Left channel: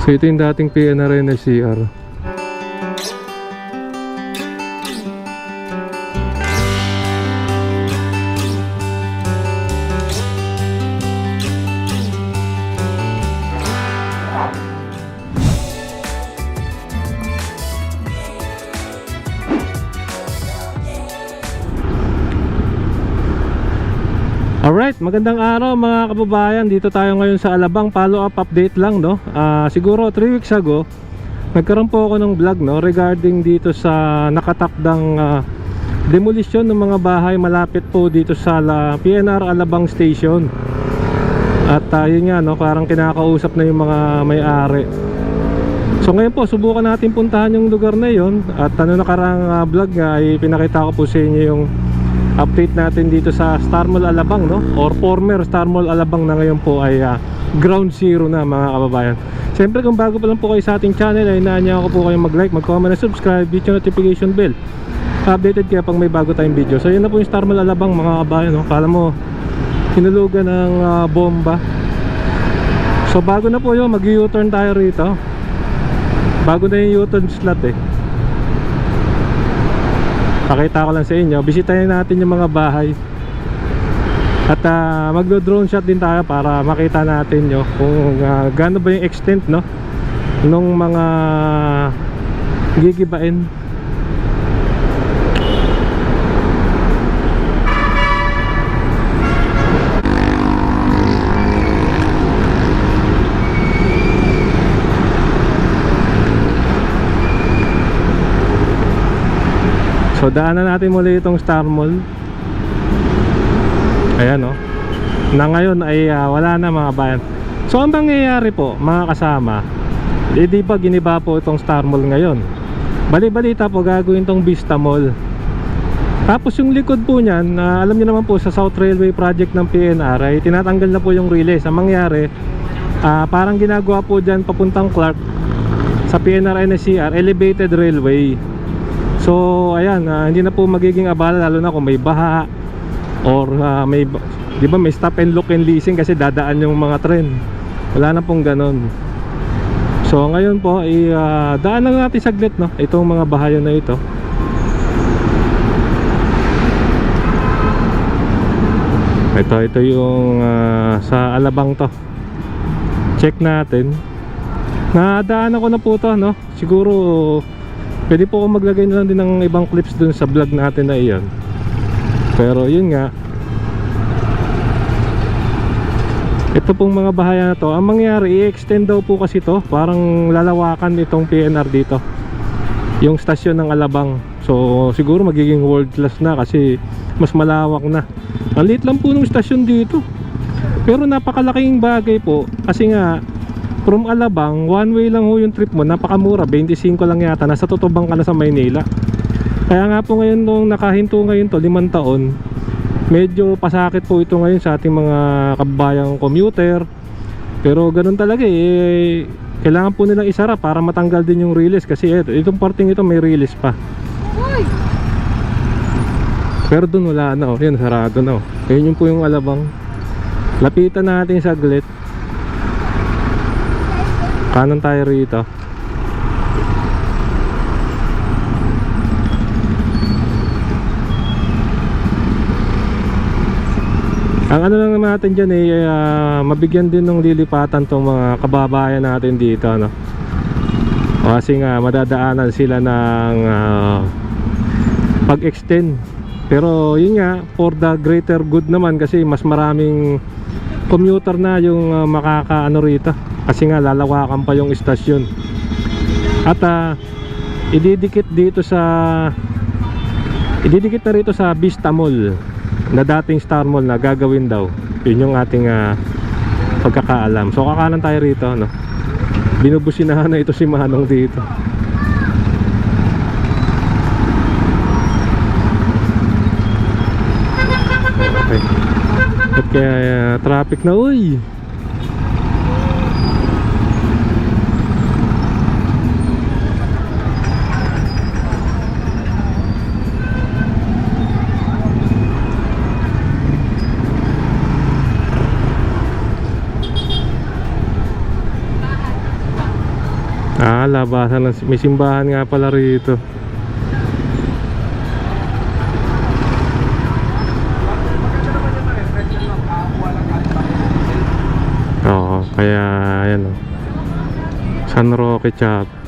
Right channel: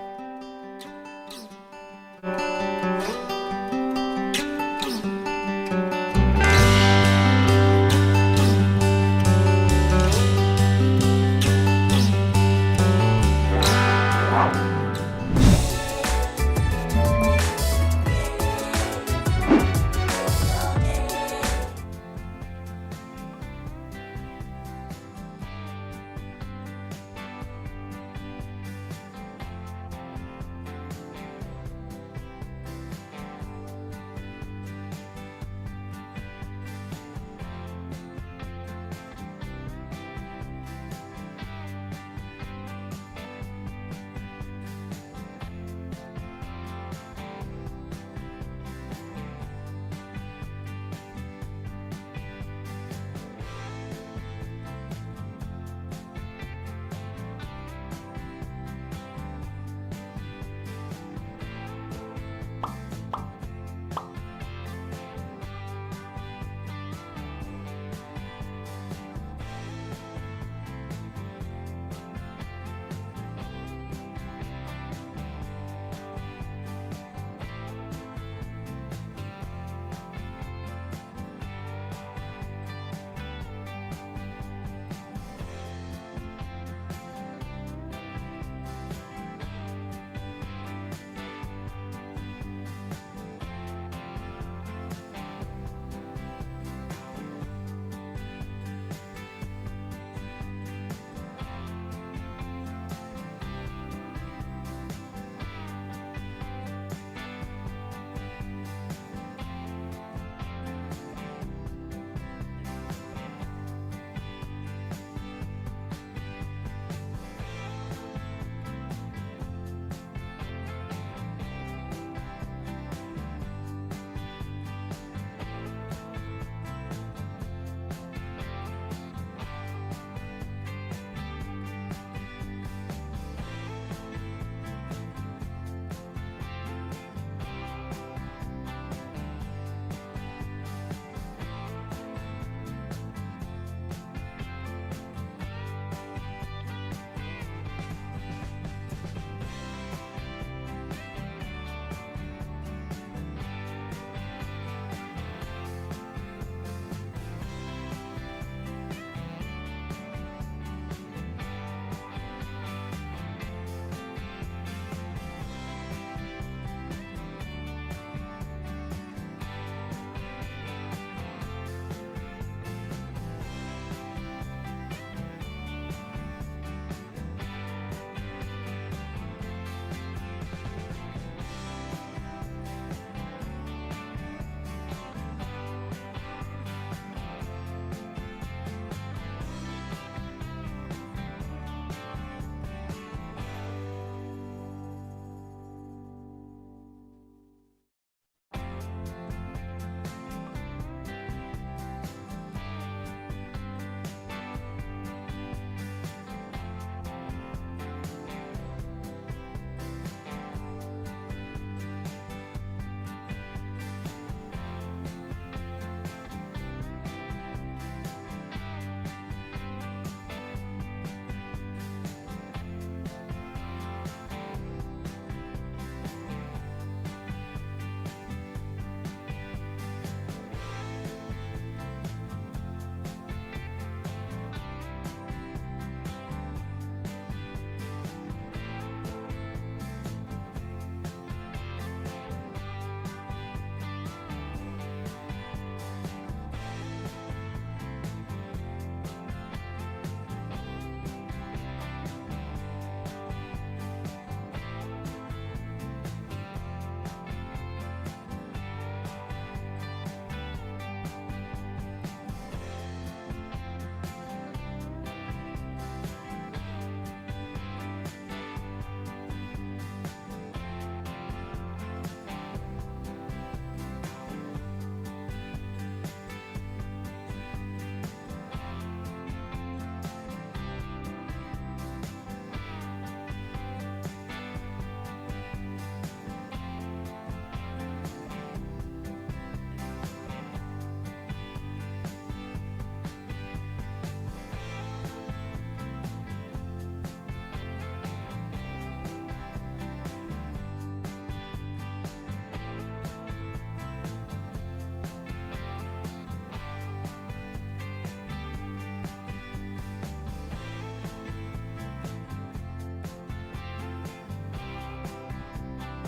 So ito yung dating PNR NSCR. Alright, magandang araw mga kababayan. Dito tayo ngayon sa Alabang. Follow up update lang, no? Siguro 3 weeks ago nagkaroon po ako ng vlog, no, regarding dito sa nakatakdang demolition ng mga bahay malapit po dito sa PNR Alabang Station. At yun nga, no, parang kinakausap na yung mga may-ari. So ngayon po, subukan natin puntahan yung lugar na yun. At nakarang vlog nga ay pinakita ko po sa inyo yung update natin dito sa Star Mall Alabang, no? Or former Star Mall Alabang na ngayon po ay ground zero na mga kababayan. Siyempre kung bago pa lang po kayo sa ating channel ay inaanyahan ko po kayong mag-like, mag-comment, at subscribe, video notification bell. Updated kaya pag may bago tayong video. So yun na po yung Star Mall Alabang mga kababayan, no? Kala mo hinulugan ng bomba. So bago na po yun, mag-U-turn tayo rito. Bago na yung U-turn slot eh. Pakita ko lang sa inyo, bisitahin natin yung mga bahay. At magdo-drone shot din tayo para makita natin nyo kung gaano ba yung extent, no, nung mga gigibain. So daanan natin muli itong Star Mall. Ayan, no, na ngayon ay wala na mga bayan. So ang nangyayari po mga kasama, di ba giniba po itong Star Mall ngayon. Bali-balita po gagawin itong Vista Mall. Tapos yung likod po niyan, alam niyo naman po sa South Railway project ng PNR ay tinatanggal na po yung relays. Ang mangyari, parang ginagawa po dyan papuntang Clark sa PNR NSCR elevated railway. So ayan, hindi na po magiging abala lalo na kung may baha or may, di ba, may stop and look and leasing kasi dadaan yung mga tren. Wala na pong ganon. So ngayon po daan lang natin saglit, no, itong mga bahayan na ito. Ito yung sa Alabang to. Check natin. Nadaan ako na po to, no. Siguro pwede po ako maglagay na lang din ng ibang clips dun sa vlog natin na iyan. Pero yun nga, ito pong mga bahayan na to, ang mangyari, i-extend daw po kasi to. Parang lalawakan itong PNR dito, yung stasyon ng Alabang. So siguro magiging world class na kasi mas malawak na. Ang liit lang po ng stasyon dito, pero napakalaking bagay po. Kasi nga from Alabang, one way lang ho yung trip mo, napakamura, 25 lang yata, nasa Totobang ka na sa Maynila. Kaya nga po ngayon nung nakahinto ngayon to 5 taon, medyo pasakit po ito ngayon sa ating mga kababayang commuter. Pero ganun talaga eh, kailangan po nilang isara para matanggal din yung release. Kasi itong parting ito may release pa. Pero dun wala na, oh. Yan, sarado na, oh. Ayun yung po yung Alabang. Lapitan natin saglit. Kanan tayo rito. Ang ano lang naman natin dyan ay mabigyan din ng lilipatan tong mga kababayan natin dito, no? Kasi nga madadaanan sila ng pag-extend. Pero yun nga, for the greater good naman kasi mas maraming commuter na yung makakaano rito. Kasi nga lalawakan pa yung istasyon. At ididikit na rito sa Vista Mall na dating Star Mall na gagawin daw. Yun yung ating pagkakaalam. So kakanan tayo rito, no? Binubusinahan na ito si Manong dito. Okay. At kaya traffic na, uy. labasan ng, may simbahan nga pala rito. Oo, kaya ayan o, San Roque Chapel.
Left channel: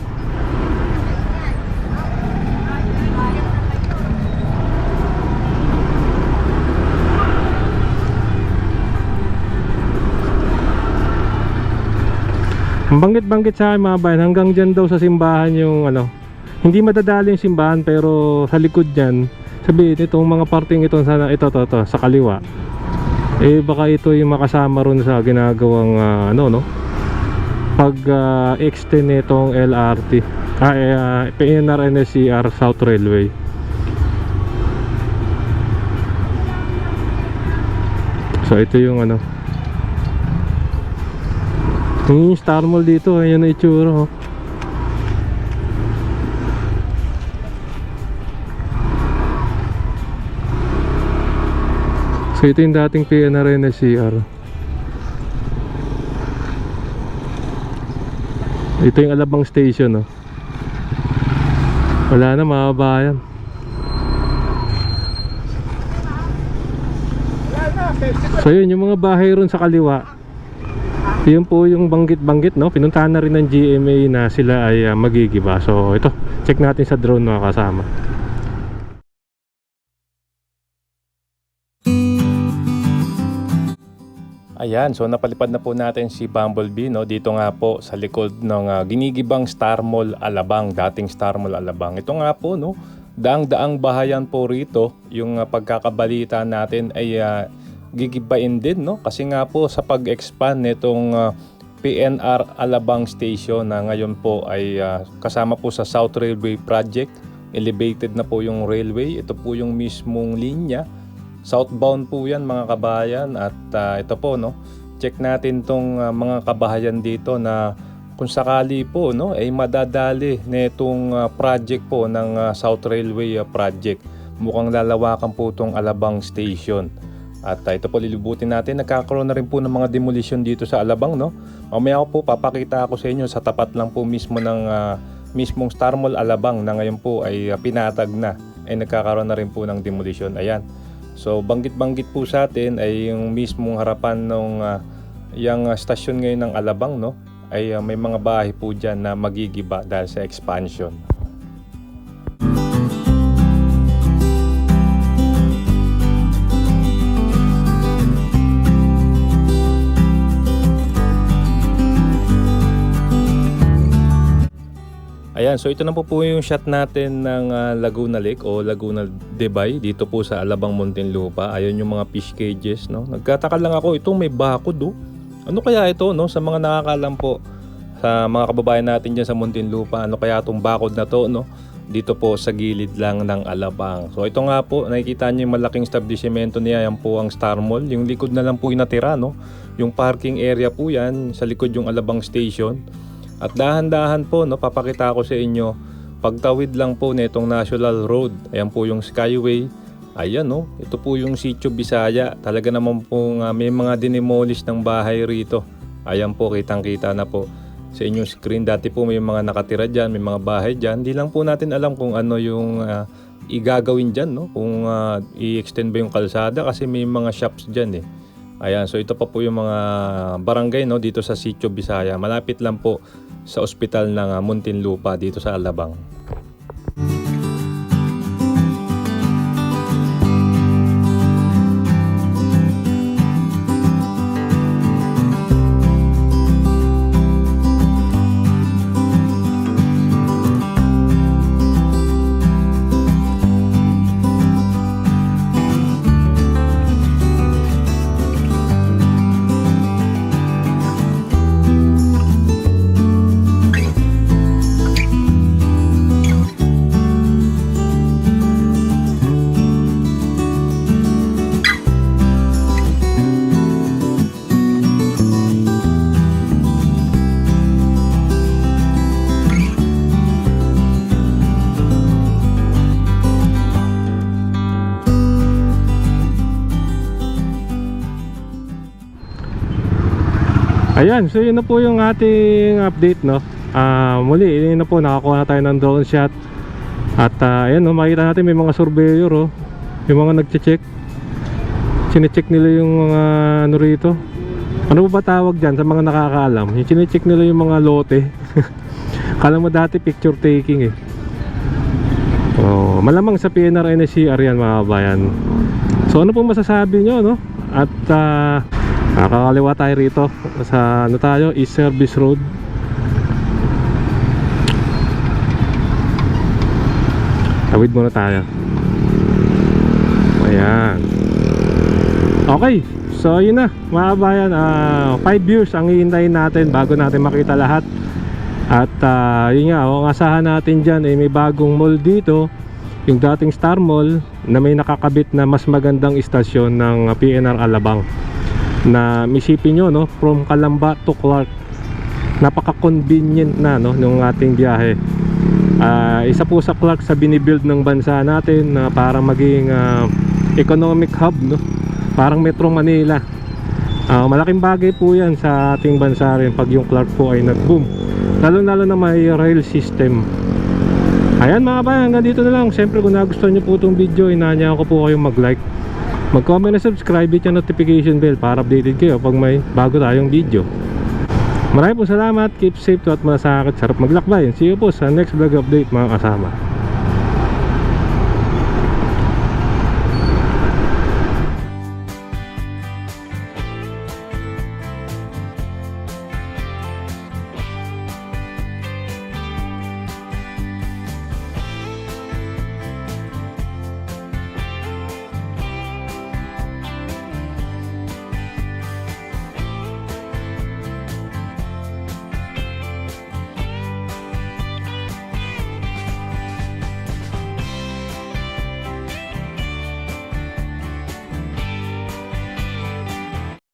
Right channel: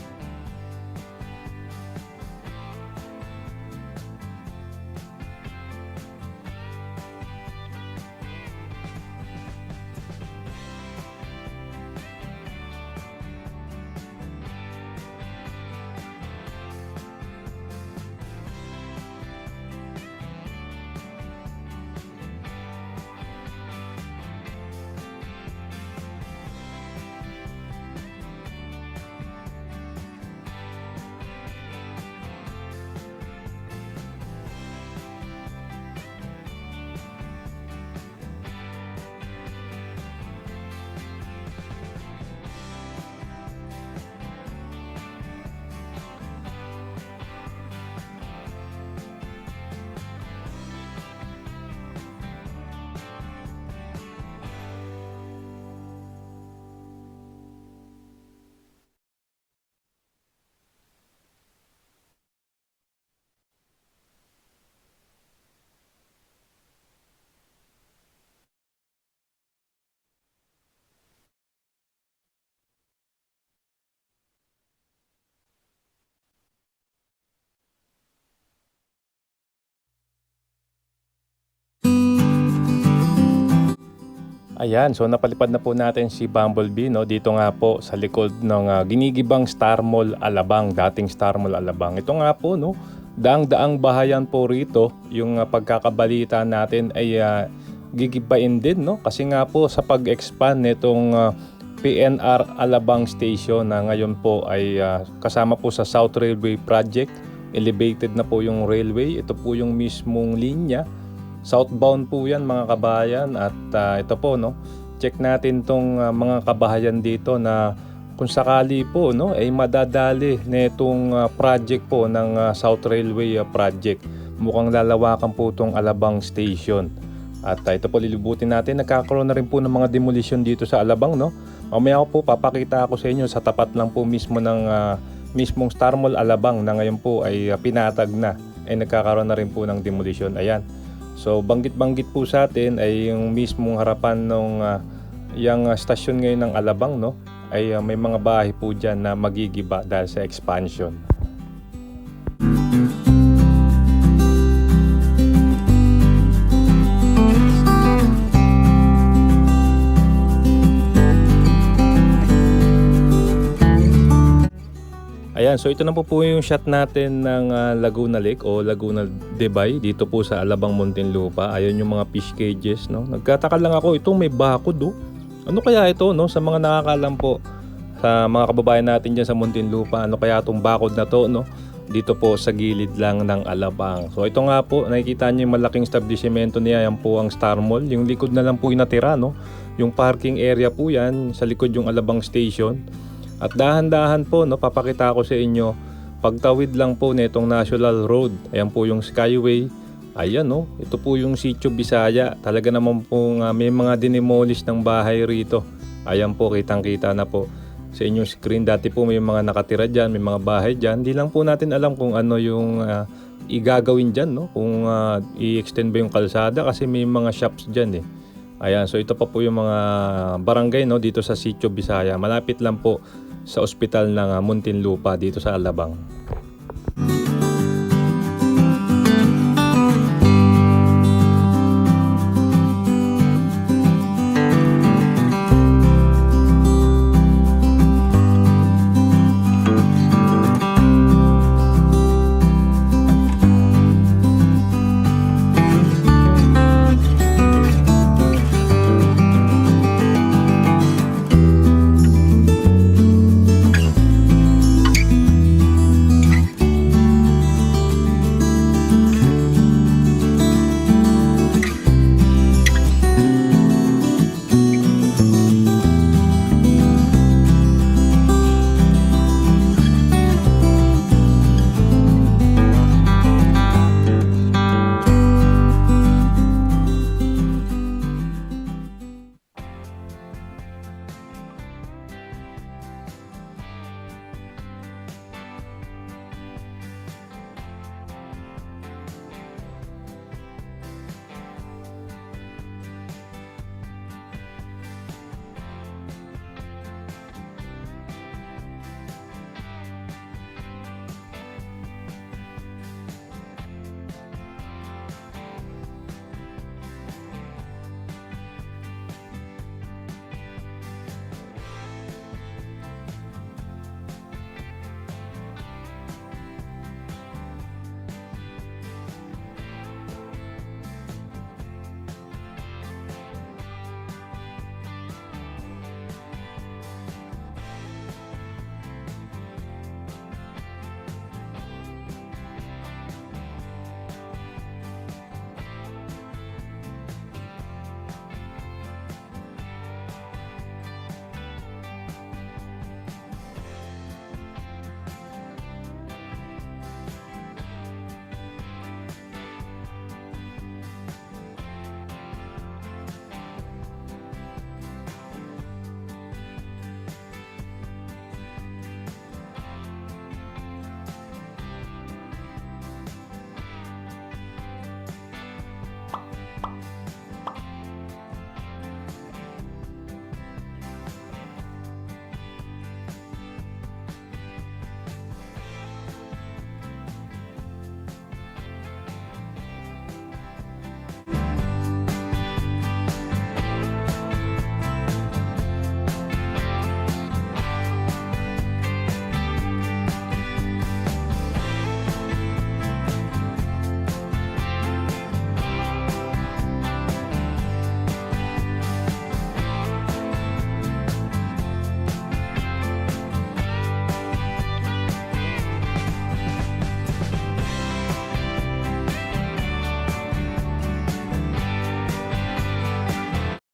Ang banggit-banggit sa akin mga bayan, hanggang dyan daw sa simbahan yung ano, hindi madadali yung simbahan, pero sa likod dyan, sabihin itong mga parting ito, sana ito sa kaliwa, eh baka ito yung makasama ron sa ginagawang ano no, pag extend nitong LRT, PNR-NSCR South Railway. So ito yung ano, yung Star Mall dito, ayan na itsura oh. So ito yung dating PNR-NSCR. Ito yung Alabang Station oh. Wala na mga bayan. So yun yung mga bahay ron sa kaliwa, yun po yung banggit-banggit no. Pinuntahan na rin ng GMA na sila ay magigiba. So ito, check natin sa drone mga kasama. Ayan, so napalipad na po natin si Bumblebee no, dito nga po sa likod ng ginigibang Star Mall Alabang, dating Star Mall Alabang. Ito nga po no, daang-daang bahayan po rito. Yung pagkakabalita natin ay gigibain din no, kasi nga po sa pag-expand nitong PNR Alabang Station na ngayon po ay kasama po sa South Railway Project. Elevated na po yung railway. Ito po yung mismong linya, southbound po yan mga kabayan. At ito po no, check natin tong mga kabahayan dito na kung sakali po no ay madadali nitong project po ng South Railway Project. Mukhang lalawakan po tong Alabang Station. At ito po lilibutin natin, nagkakaroon na rin po ng mga demolition dito sa Alabang no. Mamaya po papakita ako sa inyo sa tapat lang po mismo ng mismong Star Mall Alabang na ngayon po ay pinatag na, ay nagkakaroon na rin po ng demolition. Ayan. So banggit-banggit po sa atin ay yung mismong harapan ng yung stasyon ngayon ng Alabang no, ay may mga bahay po dyan na magigiba dahil sa expansion. Ayan, so ito na po yung shot natin ng Laguna Lake o Laguna de Bay dito po sa Alabang, Muntinlupa. Ayun yung mga fish cages, no. Nagkataka lang ako, itong may bakod, oh. Ano kaya ito, no? Sa mga nakakalam po, sa mga kababayan natin diyan sa Muntinlupa, ano kaya itong bakod na to, no? Dito po sa gilid lang ng Alabang. So ito nga po, nakikita niyo yung malaking establishmento niya, yan po ang Star Mall. Yung likod na lang po yung natira, no? Yung parking area po yan, sa likod yung Alabang Station. At dahan-dahan po, no, papakita ko sa inyo, pagtawid lang po nitong National Road. Ayan po yung Skyway. Ayan, no, ito po yung Sitio Bisaya. Talaga naman po may mga dinemolish ng bahay rito. Ayan po, kitang-kita na po sa inyong screen. Dati po may mga nakatira dyan, may mga bahay dyan. Hindi lang po natin alam kung ano yung igagawin dyan, no? Kung i-extend ba yung kalsada kasi may mga shops dyan eh. Ayan, so ito pa po yung mga barangay no, dito sa Sitio Bisaya. Malapit lang po sa ospital ng Muntinlupa dito sa Alabang. Ayan, so yun na po yung ating update no. Muli, yun na po, nakakuha na tayo ng drone shot. At ayan, no, makita natin may mga surveyor, oh, yung mga nagche-check. Sine-check nila yung mga ano rito. Ano ba tawag dyan sa mga nakakaalam? Yung sine-check nila yung mga lote. Kala mo dati picture taking eh. Malamang sa PNR NSCR yan mga kabayan. So ano po masasabi nyo, no? At nakakaliwa tayo rito sa ano tayo, East Service Road. Tawid muna tayo. Ayan. Okay, so yun na mga kabayan, 5 years ang hihintayin natin bago natin makita lahat. At yun nga, ang asahan natin dyan ay may bagong mall dito, yung dating Star Mall, na may nakakabit na mas magandang istasyon ng PNR Alabang. Na isipin nyo, no, from Calamba to Clark, napaka-convenient na, no, ng ating biyahe. Isa po sa Clark sa binibuild ng bansa natin na para maging economic hub, no? Parang Metro Manila. Malaking bagay po yan sa ating bansa rin pag yung Clark po ay nag-boom, lalo na may rail system. Ayan mga kabayan, hanggang dito na lang. Siyempre kung nagustuhan nyo po itong video, inaanyahan ko po kayong mag-like, mag-comment na subscribe, hit yung notification bell para updated kayo pag may bago tayong video. Maraming po salamat, keep safe to at malasakit, sarap maglakbay. See you po sa next vlog update mga kasama.